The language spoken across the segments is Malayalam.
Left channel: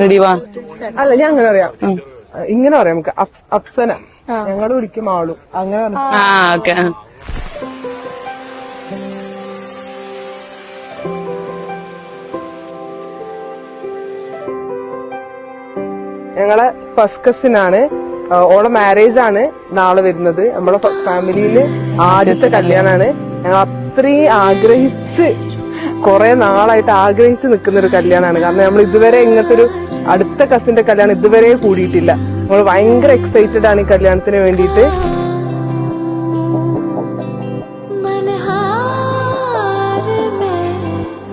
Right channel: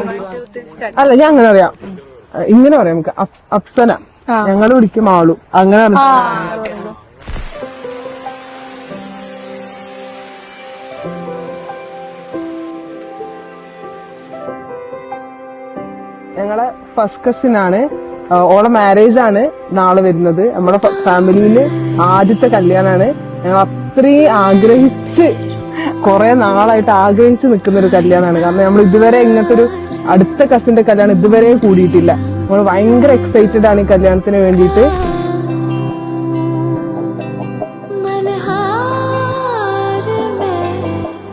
റെഡി വാ. അല്ല ഞാൻ അങ്ങനെ അറിയാം, ഇങ്ങനെ അറിയാം നമുക്ക്. അപ്സന ഞങ്ങൾ വിളിക്കും ആളു അങ്ങനെ ഓക്കെ. ഞങ്ങളെ ഫസ്റ്റ് കസിൻ ആണ്. ഓളെ മാരേജ് ആണ് നാളെ വരുന്നത്. നമ്മളെ ഫാമിലിയിൽ ആദ്യത്തെ കല്യാണാണ്. ഞങ്ങൾ അത്രയും ആഗ്രഹിച്ച് കുറെ നാളായിട്ട് ആഗ്രഹിച്ച് നിൽക്കുന്ന ഒരു കല്യാണമാണ്. കാരണം നമ്മൾ ഇതുവരെ ഇങ്ങനത്തെ ഒരു അടുത്ത കസിന്റെ കല്യാണം ഇതുവരെ കൂടിയിട്ടില്ല. നമ്മൾ ഭയങ്കര എക്സൈറ്റഡ് ആണ് ഈ കല്യാണത്തിന് വേണ്ടിയിട്ട്.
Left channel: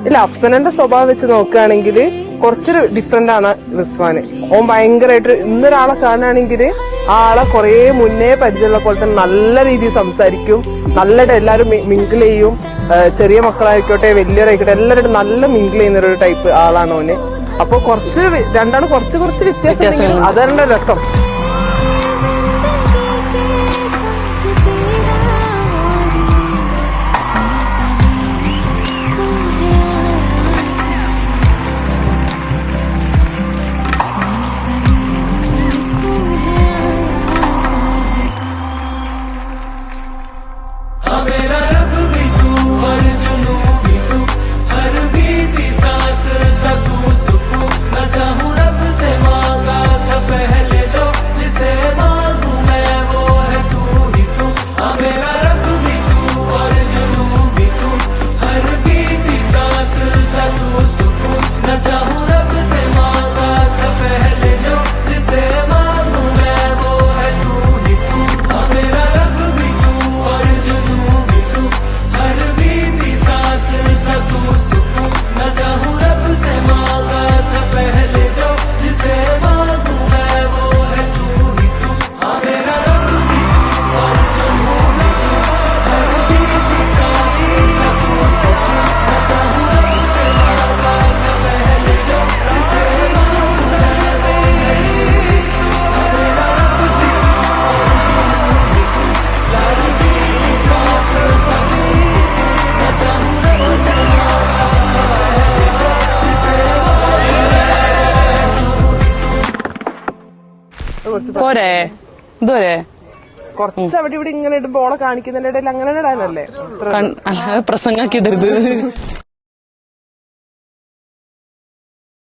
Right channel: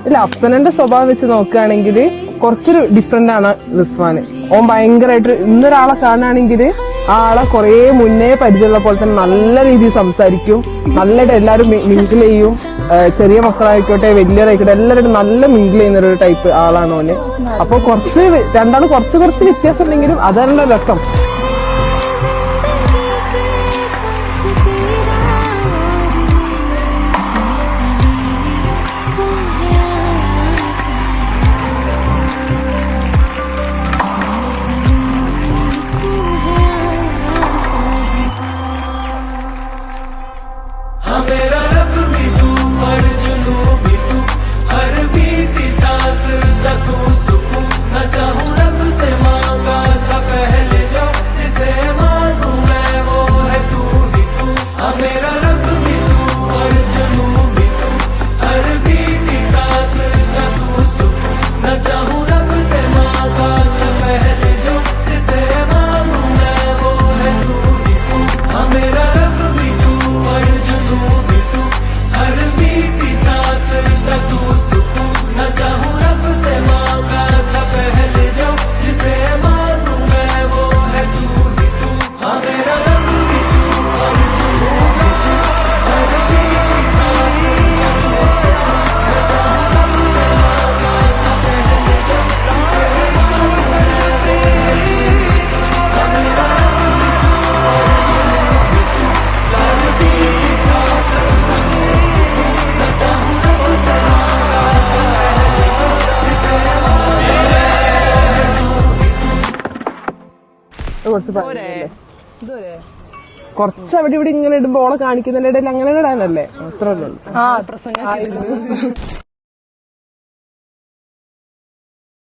ഇല്ല, അഫ്സനന്റെ സ്വഭാവം വെച്ച് നോക്കുകയാണെങ്കിൽ കുറച്ചൊരു ഡിഫറെന്റ് ആണ് റിസ്വാന്. ഓൻ ഭയങ്കരമായിട്ട് ഇന്നൊരാളെ കാണുകയാണെങ്കിൽ ആ ആളെ കുറെ മുന്നേ പരിചയമുള്ള പോലെ തന്നെ നല്ല രീതിയിൽ സംസാരിക്കും, നല്ലതായിട്ട് എല്ലാവരും മിങ്കിൾ ചെയ്യും. ചെറിയ മക്കളായിക്കോട്ടെ വലിയവരായിക്കോട്ടെ എല്ലാവരും നല്ല മിങ്കിൾ ചെയ്യുന്ന ഒരു ടൈപ്പ് ആളാണ് ഓന്. അപ്പൊ രണ്ടാളും കുറച്ച് വ്യത്യാസം, അതല്ല രസം. मेरा रब भी तू और जुनू भी तू, हर बीती सांस सकू सुकू, न चाहूं रब से मांगा था पहले जो, जिसे मांगू मैं वो है तू ही तू. मेरा रब भी तू और जुनू भी तू, हर बीती सांस सकू सुकू, न चाहूं रब से मांगा था पहले जो, जिसे मांगू मैं वो है तू ही तू. मेरा रब भी तू और जुनू भी तू, हर बीती सांस सकू सुकू, न चाहूं रब से मांगा था पहले जो, जिसे मांगू मैं वो है तू ही तू. मेरा रब भी तू और जुनू भी तू, हर बीती सांस सकू सुकू, न चाहूं रब से मांगा था पहले जो, जिसे मांगू मैं वो है तू ही तू. मेरा रब भी तू और जुनू भी तू, हर बीती सांस सकू सुकू, न चाहूं रब से मांगा था पहले जो, जिसे मांगू मैं वो है तू ही तू. പോരെ ഇതുവരെ കുറച്ച് അവിടെ ഇവിടെ ഇങ്ങനെ ഇടുമ്പോ ഓളെ കാണിക്കുന്നതിന്റെ ഇടയിൽ അങ്ങനെ ഇടാനല്ലേ പ്രസംഗാക്കി ഇടരുത്.